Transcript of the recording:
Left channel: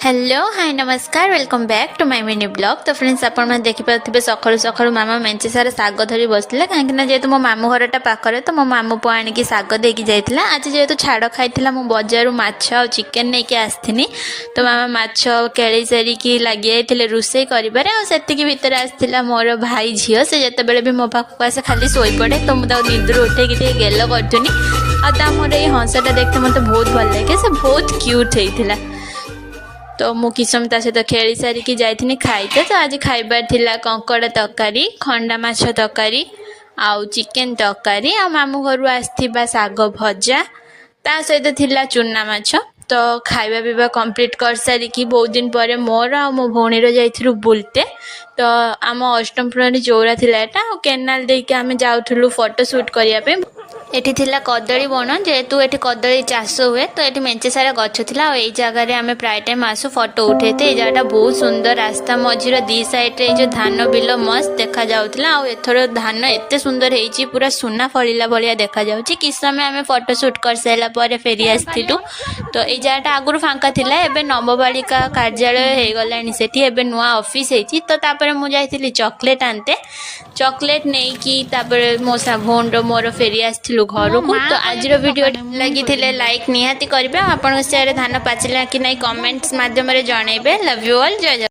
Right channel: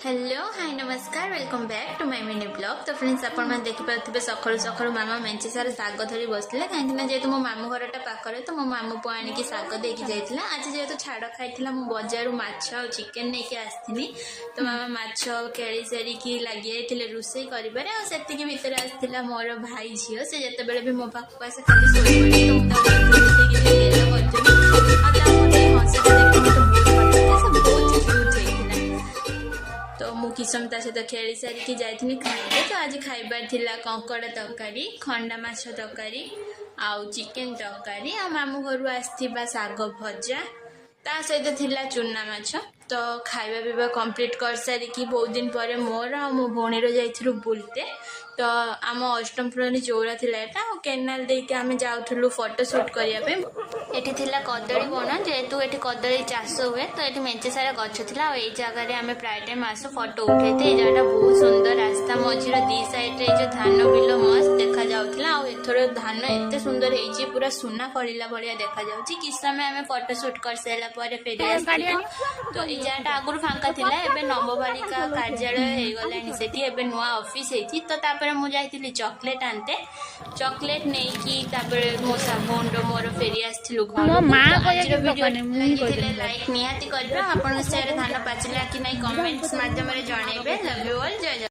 Hello hi नमस्कार welcome back to my mini blog. तो friends आप देखिपे सकाळु सकाळु मामा मेंचे सारा शाग धरी बसले कहीं जेहेतु मो मामू घरटा पाखे तो मो मामू पु आणिकी शाग देकी जाइतिला। आज जेहेतु छाड़ खाइतिला मु बजारु माछ आ चिकेन नेकी आस्थिनी। तो मामा माछ केळी सारिकी लागि जाइतिले रुसई करिबारे आ सेतिकी भितर आस्थिला मोर भाई झियो से जते बेले भी मो पाखु आसे खाली सोई पड़े। तो मु ता निद्र उठेकी टे गेलो करथुनी आ ता मोर ए हंसटा देखते मते बहुत भल लागे। से बहुत क्यूट हेइतिला। तो मु किस समय सहित खेली सारिकी जाइथिनी खाइते। तो आज खाइबार थिला कंकड़ा तरकारी खंडा माछ तरकारी आउ चिकेन तरकारी आ मामू घर आसथिबा साग भजा ता सहित थिला चुना माछ। तो खाइबा पीवा कंप्लीट कर सारिकी बहुत दिन पर मोर आ मो भौणीर जाइथिलु बुलते। तो आम अष्टमपुर चौरा थिला एटा केनाल देके आमे जाउथुलु फोटो शूट करिया पे। एठी थिला कदली बन जेहेतु एठी कदली चाष हुए तो एठी मेंचे सारा गछ थिला और एई जगह रे आमे प्राय टाइम आसु फोटो उठेते। ए जगहटा बहुत सुंदर रास्ता मझीर दी साइड रे जो धान बिल मस्त देखा जाउथला और एथरो धान एते सुंदर हेची पूरा सुना फळिला भलिया देखा जाउची। किस समय आमे फोटो शूट कर साइला परे फेरी आस्थिलु। तो ए जगहटा आगुरु फांका थिला एबे नवबालिका कार्यालय हे गलानी सेठी एबे नुआ ऑफिस हेची। तो तापरे मु जाइथिली चॉकलेट आनते चॉकलेट नहीं कि तापरे मो भौण रो मोर फेरी आस्थिलु घर को। तो आज वीडियो लगी लाइक निहाती करेंगे। आपन से धान पाचिला कि नहीं कमेंट्स माध्यम रे जणेबे। लव यू ऑल जय जय।